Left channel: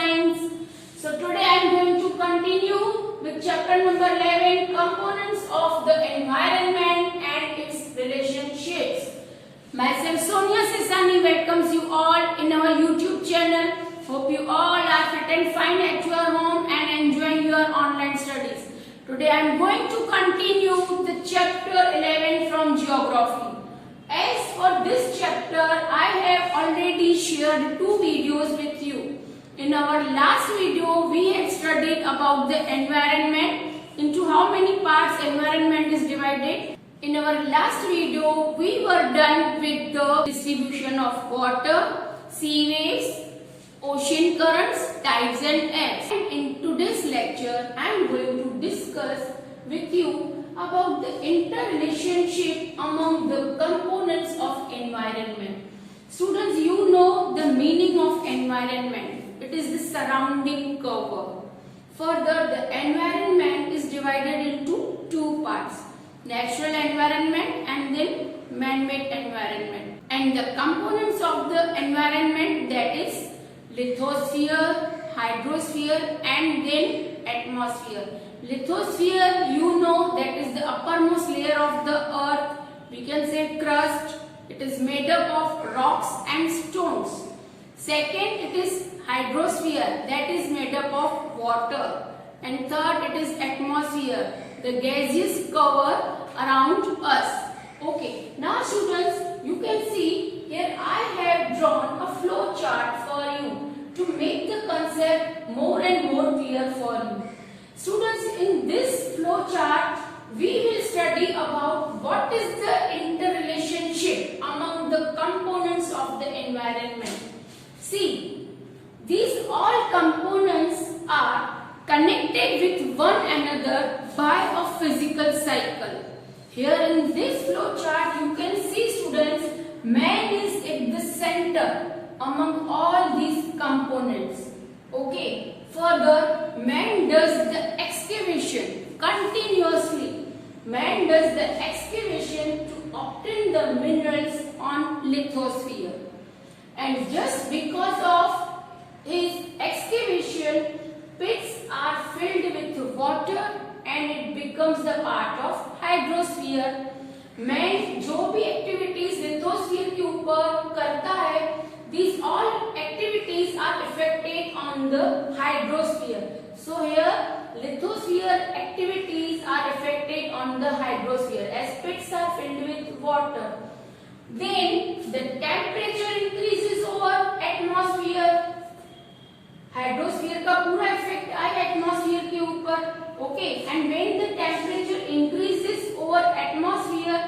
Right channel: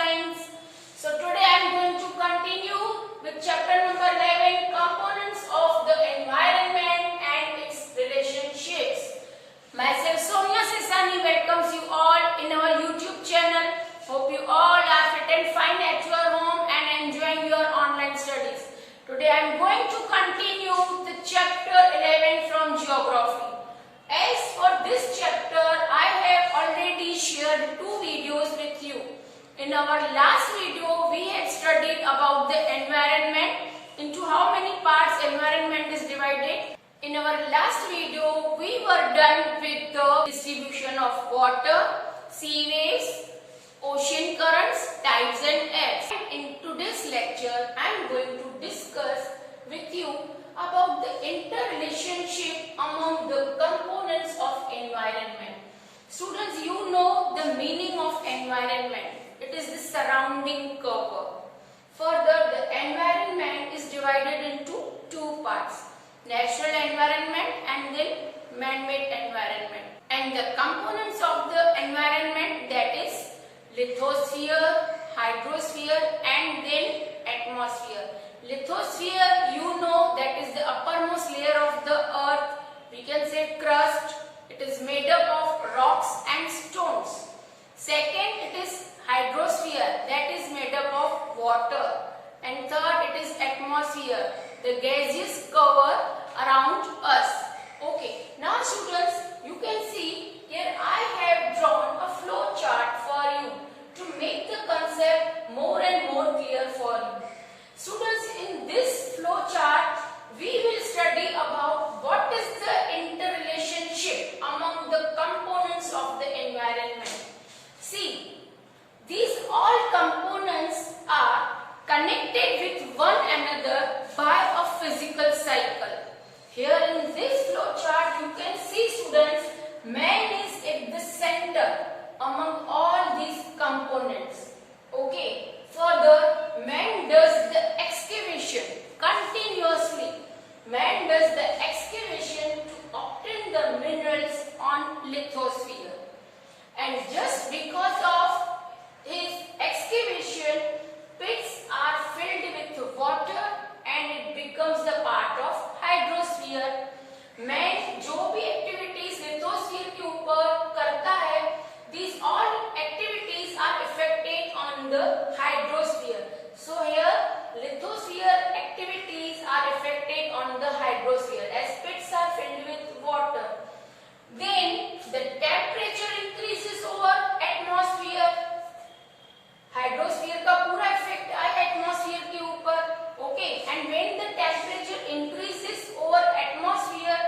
Science. So today I am going to continue with chapter number 11, Components of the Environment and its Relationships. Myself Sonia Sesani welcomes you all in our YouTube channel. Hope you all are fit and fine at your home and enjoying your online studies. Today I am going to continue the chapter 11 from Geography. As for this chapter, I have already shared two videos with you. In our last video, we had studied about the environment, into how many parts environment is divided. In our last video, we were done with the distribution of water, sea waves, ocean currents, tides and ebbs. And in today's lecture, I am going to discuss with you about the interrelationship among the components of environment. Students, you know the meaning of environment. It is the surrounding cover. Further, the environment is divided into two parts: natural environment and then man-made environment. And the components of the environment, that is lithosphere, hydrosphere and then atmosphere. Lithosphere, you know, that is the uppermost layer of the earth. We can say crust. It is made up of rocks and stones. Second, it is hydrosphere, that is made up of water. And third, it is atmosphere, the gaseous cover around us. Okay, now students, you can see here I have drawn a flow chart for you to make the concept more and more clear for you. Students, in this flow chart, we will study about what is the interrelationship among the components of the environment. See, these all components are connected with one another by a physical cycle. Here in this flow chart, you can see, students, man is at the center among all these components. Okay. Further, man does the excavation continuously. Man does the excavation to obtain the minerals on lithosphere. And just because of his excavation, pits are filled with water and it becomes the part of hydrosphere. Man जो भी activities lithosphere के ऊपर करता है, these all activities are affected on the hydrosphere. So here lithosphere activities are affected on the hydrosphere as pits are filled with water. Then the temperature increases over atmosphere. Hydrosphere का पूरा effect आया atmosphere के ऊपर. Okay, and when the temperature increases over atmosphere,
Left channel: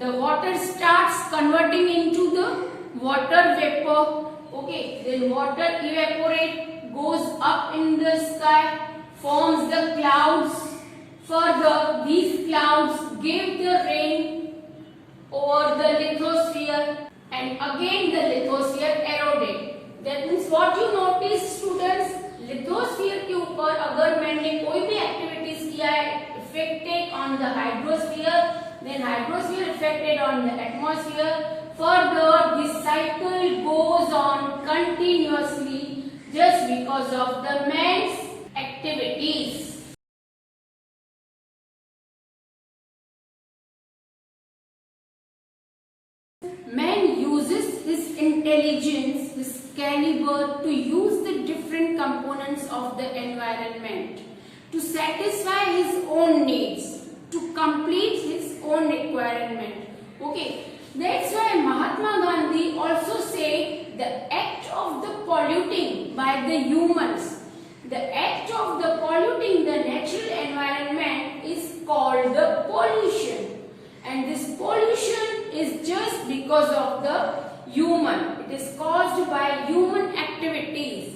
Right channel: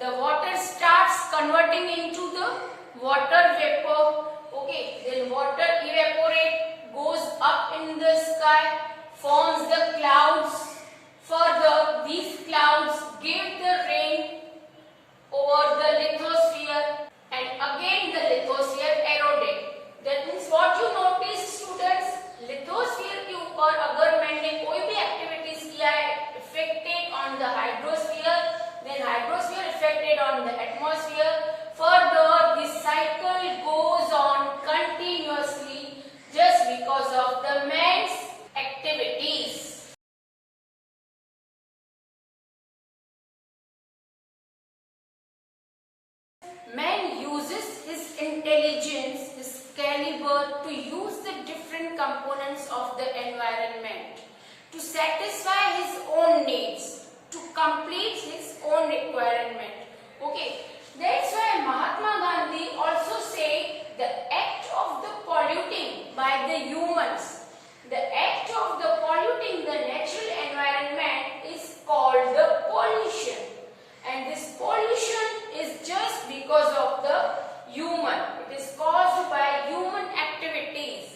the water starts converting into the water vapor. Okay, then water evaporate, goes up in the sky, forms the clouds. Further, these clouds give the rain over the lithosphere and again the lithosphere eroded. That means what you notice, students, lithosphere के ऊपर अगर मैंने कोई भी activities किया है affected on the hydrosphere, then hydrosphere affected on the atmosphere. Further, this cycle goes on continuously just because of the man's activities. Man uses his intelligence, his caliber to use the different components of the environment to satisfy his own needs, to complete his own requirement. Okay. That's why Mahatma Gandhi also said the act of the polluting by the humans, the act of the polluting the natural environment is called the pollution. And this pollution is just because of the human. It is caused by human activities.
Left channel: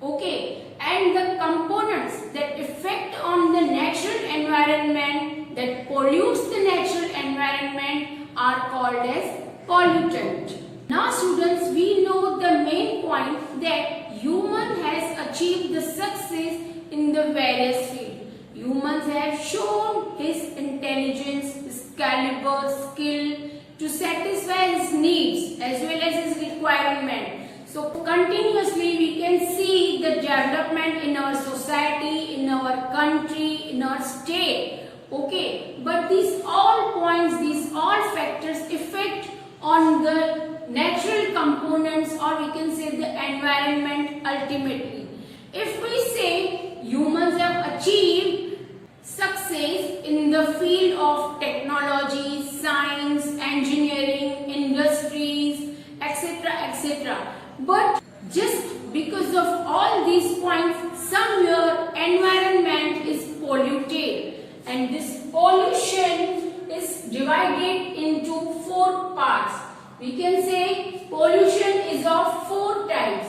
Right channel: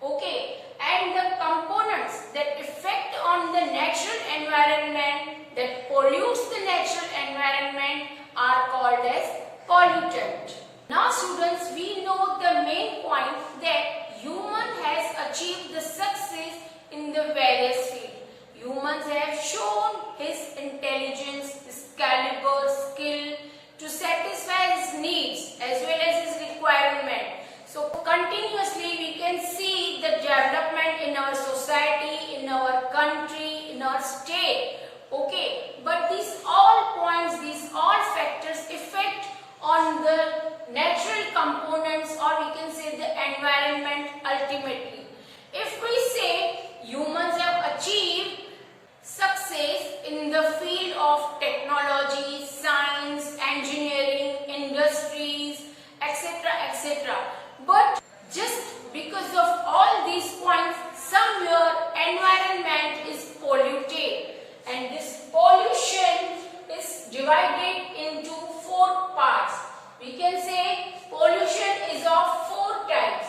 Okay. And the components that affect on the natural environment, that pollutes the natural environment, are called as pollutant. Now students, we know the main point that human has achieved the success in the various fields. Humans have shown his intelligence, his caliber, skill to satisfy his needs as well as his requirement. So continuously we can see the development in our society, in our country, in our state. Okay, but these all points, these all factors affect on the natural components, or we can say the environment ultimately. If we say humans have achieved success in the field of technology, science, engineering, industries, etc., etc. But just because of all these points, somewhere environment is polluted, and this pollution is divided into 4 parts. We can say pollution is of 4 types.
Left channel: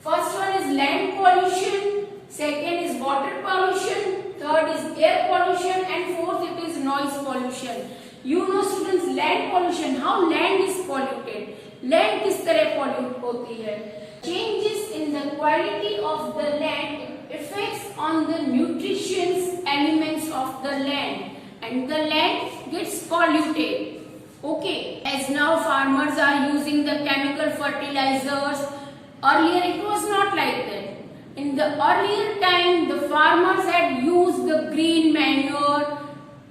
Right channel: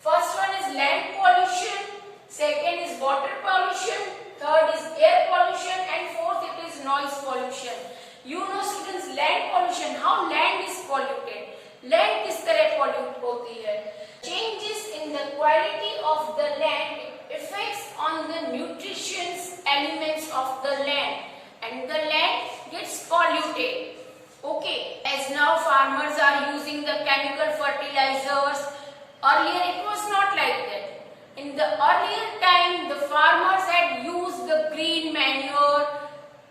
First one is land pollution, second is water pollution, third is air pollution, and fourth it is noise pollution. You know students, land pollution, how land is polluted. Land किस तरह pollute होती है? Changes in the quality of the land affects on the nutritious elements of the land, and the land gets polluted. Okay, as now farmers are using the chemical fertilizers. Earlier it was not like that. In the earlier time, the farmers had used the green manure.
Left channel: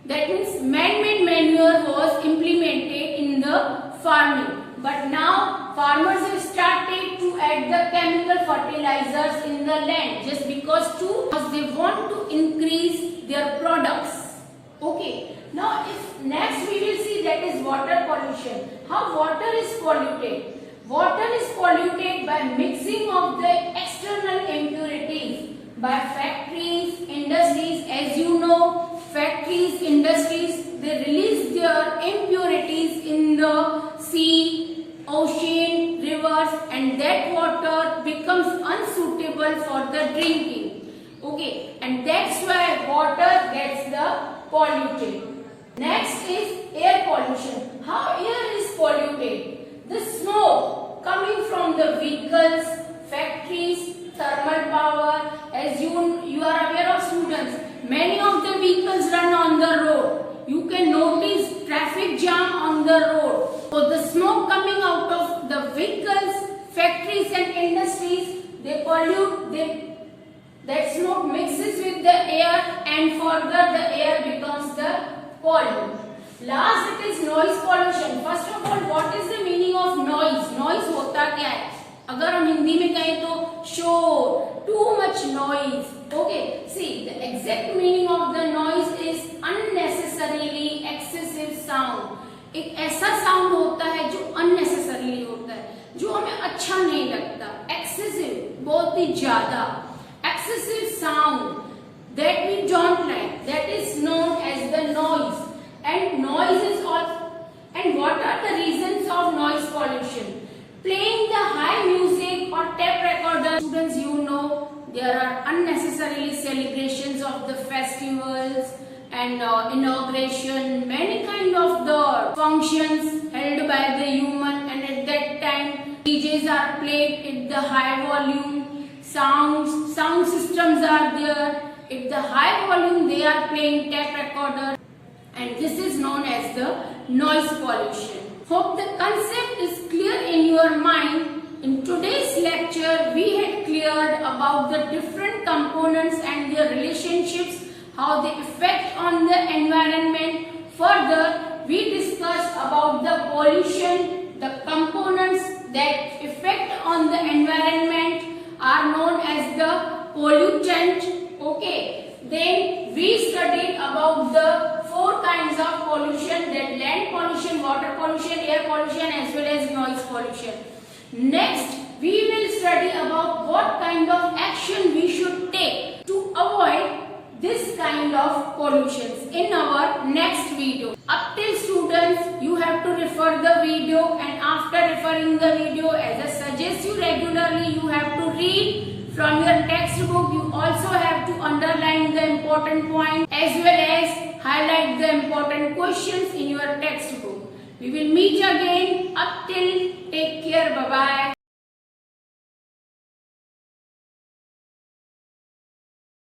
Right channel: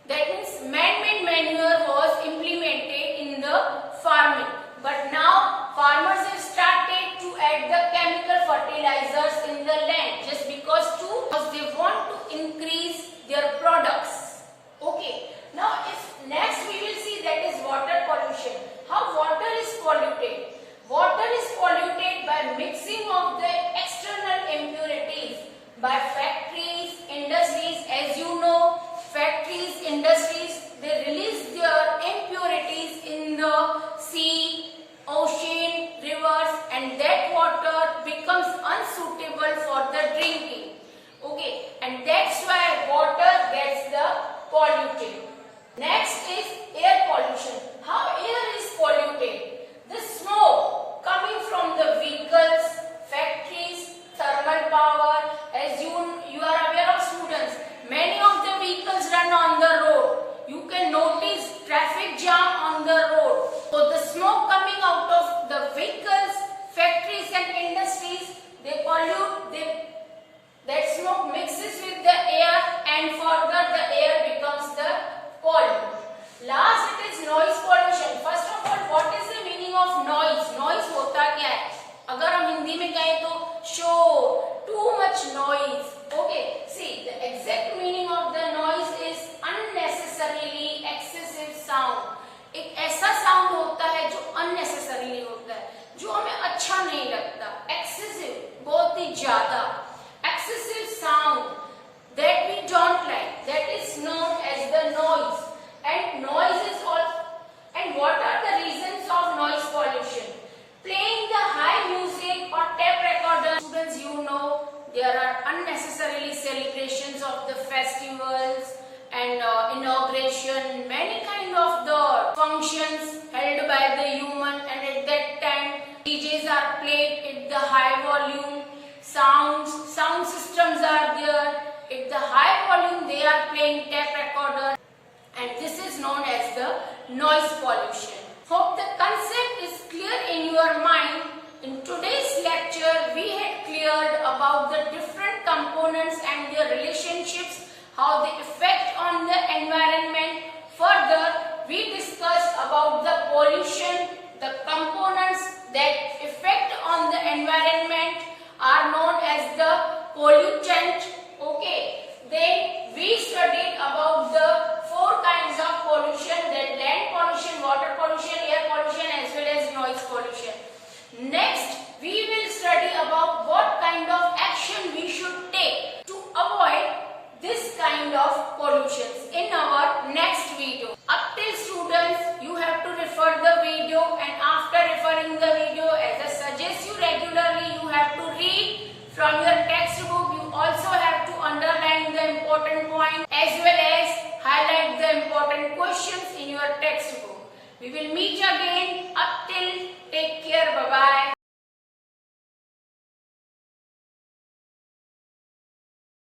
That means man-made manure was implemented in the farming. But now farmers have started to add the chemical fertilizers in the land just because they want to increase their products. Okay. Now if next we will see that is water pollution. How water is polluted? Water is polluted by mixing of the external impurities by factories, industries. As you know, factories, industries, they release their impurities in the sea, ocean, rivers, and that water becomes unsuitable for the drinking. Okay, and that's why water gets the polluted. Next is air pollution. How air is polluted? The smoke coming from the vehicles, factories, thermal power. As you are aware of students, many of the vehicles run on the road. You can notice traffic jam on the road. So the smoke coming out of the vehicles, factories and industries, they pollute. That smoke mixes with the air, and further the air becomes the pollutant. Last it is noise pollution. First of all, what is the meaning of noise? Noise होता क्या है? अगर हम हिंदी में कहें तो शोर, too much noise. Okay, see the exact meaning of the noise is unnecessarily excessive sound. एक ऐसा साउंड होता है जो unnecessarily होता है, जो हमें अच्छा नहीं लगता. Excessive, बहुत ही ज्यादा. Excessive sound that we don't like, that is known as the noise. And noise is all. And what are the reasons of noise pollution? Playing the high music or tape recorder. Students, you know there are unnecessarily celebrations of the festivals and inauguration, many kind of the functions held by the human, and at that time DJs are played at the high volume. Sound systems are there. At the high volume they are playing tape recorder, and this is known as the noise pollution. Hope the concept is clear in your mind. In today's lecture we had cleared about the different components and their relationships, how they affect on the environment. Further, we discussed about the pollution. The components that affect on the environment are known as the pollutant. Okay, then we studied about the 4 kinds of pollution, that land pollution, water pollution, air pollution, as well as noise pollution. Next, we will study about what kind of action we should take to avoid this kind of pollutions in our next video. Up till students, you have to refer the video, and after referring the video, as I suggest you regularly, you have to read from your textbook. You also have to underline the important point as well as highlight the important questions in your textbook. We will meet again. Up till, take care. Bye bye.